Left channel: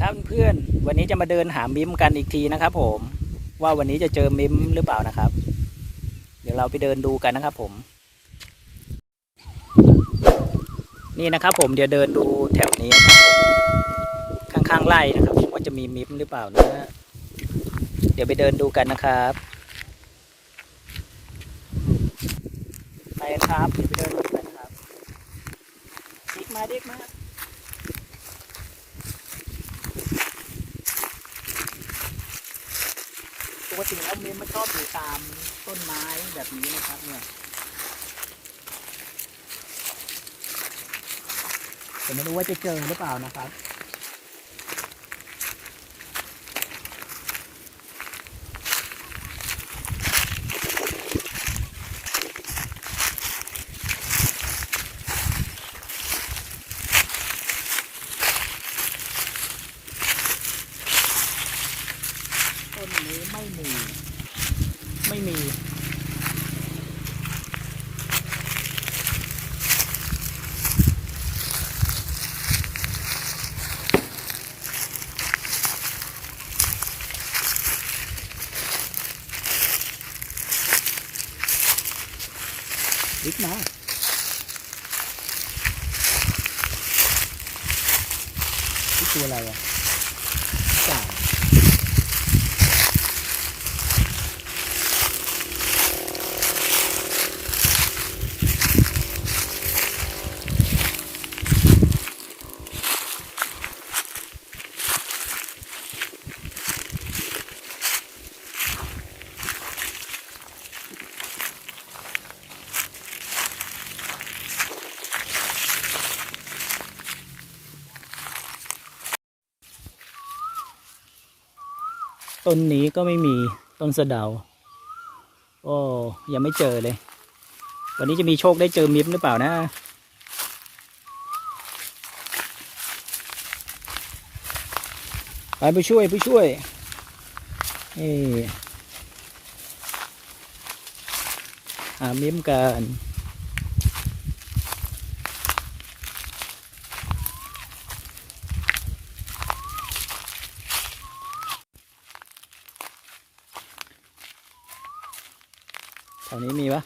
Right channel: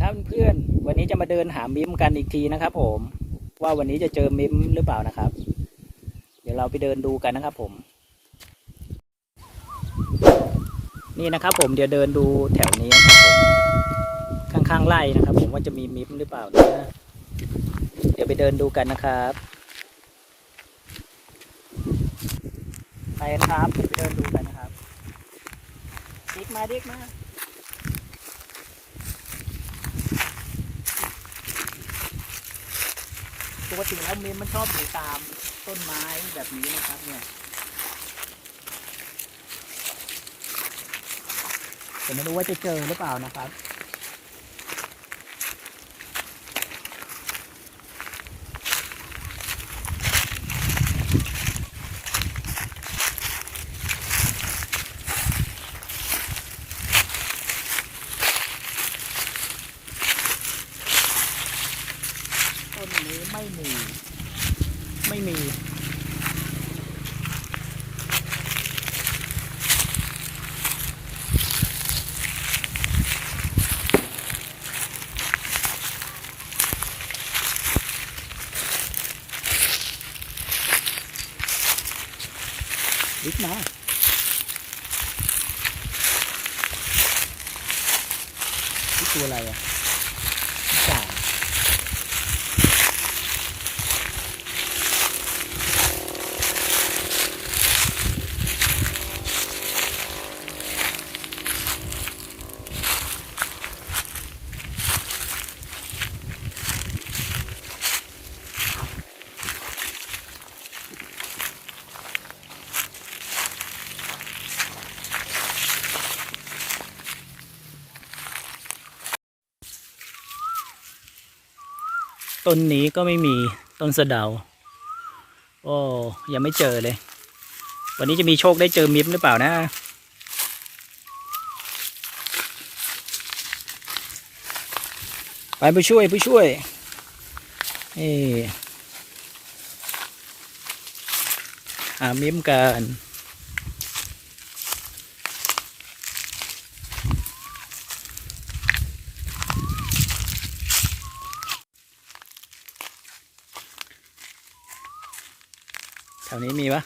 ครับเพื่อนวันนี้จะมาเดินหามิมกันอีกทีนะครับ ผม ว่าวันนี้จะเจอมิมหรือเปล่านะครับ เดี๋ยวเราไปเดินดูกันนะครับ ผม นี่นะครับ ผมเดี๋ยวเดินดูแถวนี้นะครับข้างๆไร่นะครับ ผมว่าจะมีมิมหรือเปล่านะเดี๋ยวไปเดินดูกันนะครับ ไปครับเดี๋ยวไปเดินดูกันครับดิกมาดิกมา ปกติแล้วเมมมันชอบอยู่ตามต้นไม้แบบนี้นะครับเนี่ยแต่ไม่รู้ว่าจะเจอหรือเปล่านะครับ ต้นนี้ไม่มี ไม่มีลิกมานี่ตัวอะไรอะจ่า ต้นนี้ก็ไม่มีต้นสะเดา โอ้ยังไม่เจอเลย วันนี้จะมีโชคได้เจอมิมหรือเปล่านะ ไปผู้ช่วยผู้ช่วยเอ้หามิมกัน แถวนี้มีปะ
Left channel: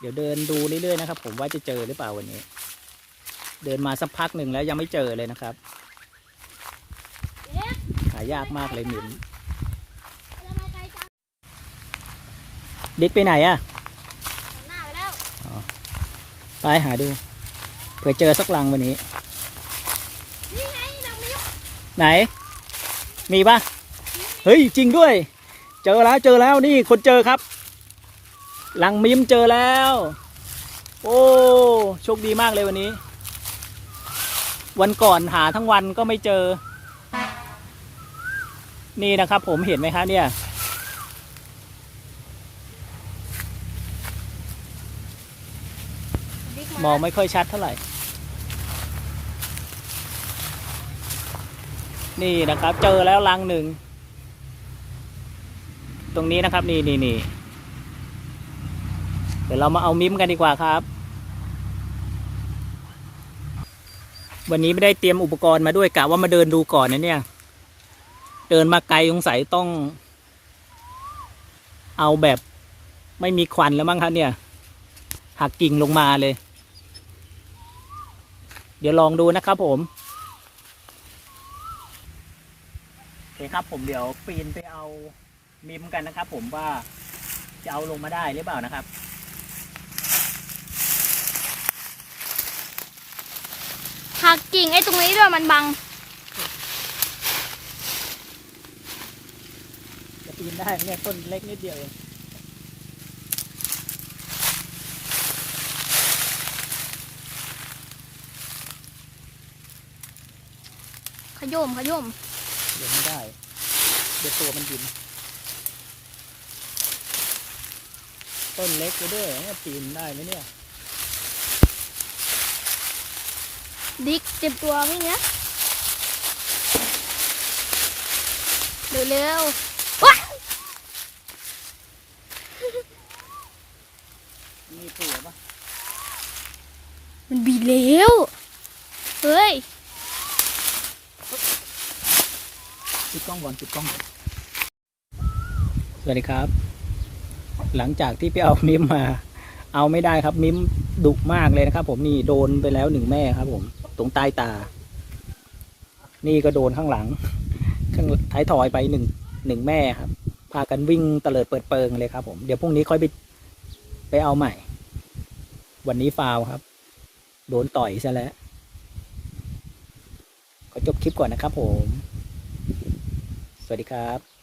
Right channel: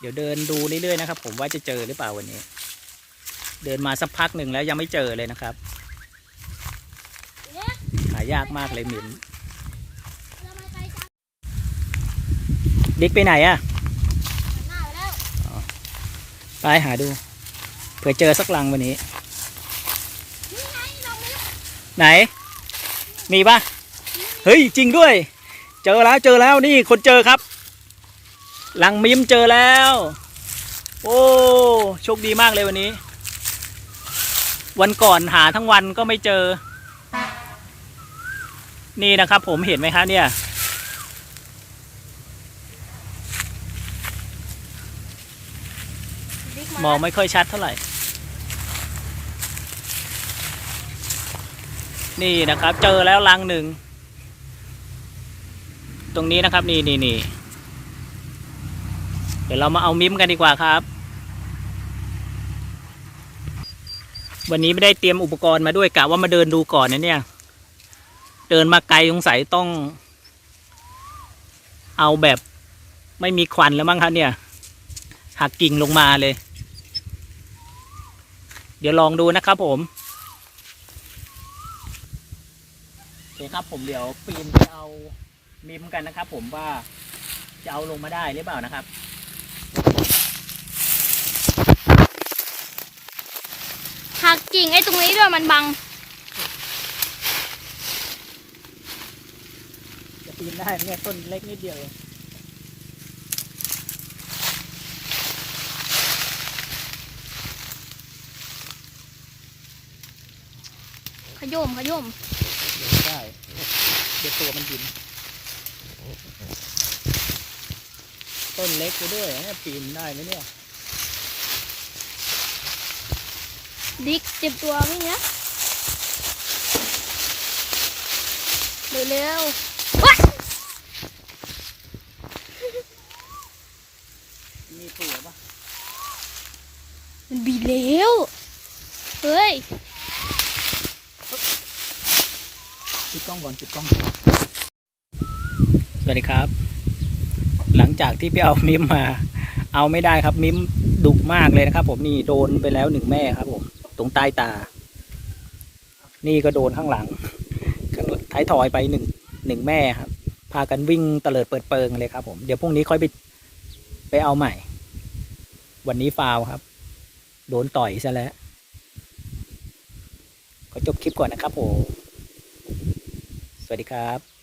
เดี๋ยวเดินดูเรื่อยๆนะครับ ผมว่าจะเจอหรือเปล่าวันนี้ เดินมาสักพักหนึ่งแล้วยังไม่เจอเลยนะครับ หายากมากเลยหมิมดิกไปไหนอะไปหาดู เผื่อเจอสักลังวันนี้ ไหน มีปะเฮ้ยจริงด้วย เจอแล้วเจอแล้วนี่คนเจอครับ หลังมิมเจอแล้ว โอ้โชคดีมากเลยวันนี้ วันก่อนหาทั้งวันก็ไม่เจอ นี่นะครับ ผมเห็นไหมครับเนี่ยมองไม่ค่อยชัดเท่าไหร่ นี่นะครับ เจอแล้วลังหนึ่ง ตรงนี้นะครับนี่นี่นี่เดี๋ยวเรามาเอามิมกันดีกว่าครับ วันนี้ไม่ได้เตรียมอุปกรณ์มาด้วยกะว่ามาเดินดูก่อนนะเนี่ย เดินมาไกลสงสัยต้อง เอาแบบไม่มีควันแล้วมั้งครับเนี่ย หักกิ่งลงมาเลย เดี๋ยวลองดูนะครับผม โอเคครับ ผมเดี๋ยวปีนไปเอามิมกันนะครับ ผมว่าจะเอาลงมาได้หรือเปล่านะครับหักกิ่งไอ้ตรงนี้ด้วยมันบัง จะปีนได้ไหมเนี่ยต้นเล็กนิดเดียวเองขยมขยม เดี๋ยวไม่ได้ เดี๋ยวตัวมันบิน ต้นเล็กไปด้วยเนี่ยปีนได้ไหมเนี่ย ดิกเจ็บตัววิ่งนะเร็วเร็วๆว้าเสือปะมันบีบแล้ว เฮ้ย จุด กล้องก่อนจุดกล้อง สวัสดีครับ หลังจากที่ไปเอามิมมา เอาไม่ได้ครับมิมดุมากเลยนะครับผมนี่โดนไปแล้วหนึ่งแม่ครับ ผม ตรงใต้ตา นี่ก็โดนข้างหลัง ข้างท้ายถอยไปหนึ่งหนึ่งแม่ครับ พากันวิ่งเตลิดเปิดเปิงเลยครับ ผมเดี๋ยวพรุ่งนี้ค่อยไปไปเอาใหม่ วันนี้ฟาวครับ โดนต่อยซะแล้วขอจบคลิปก่อนนะครับผม สวัสดีครับ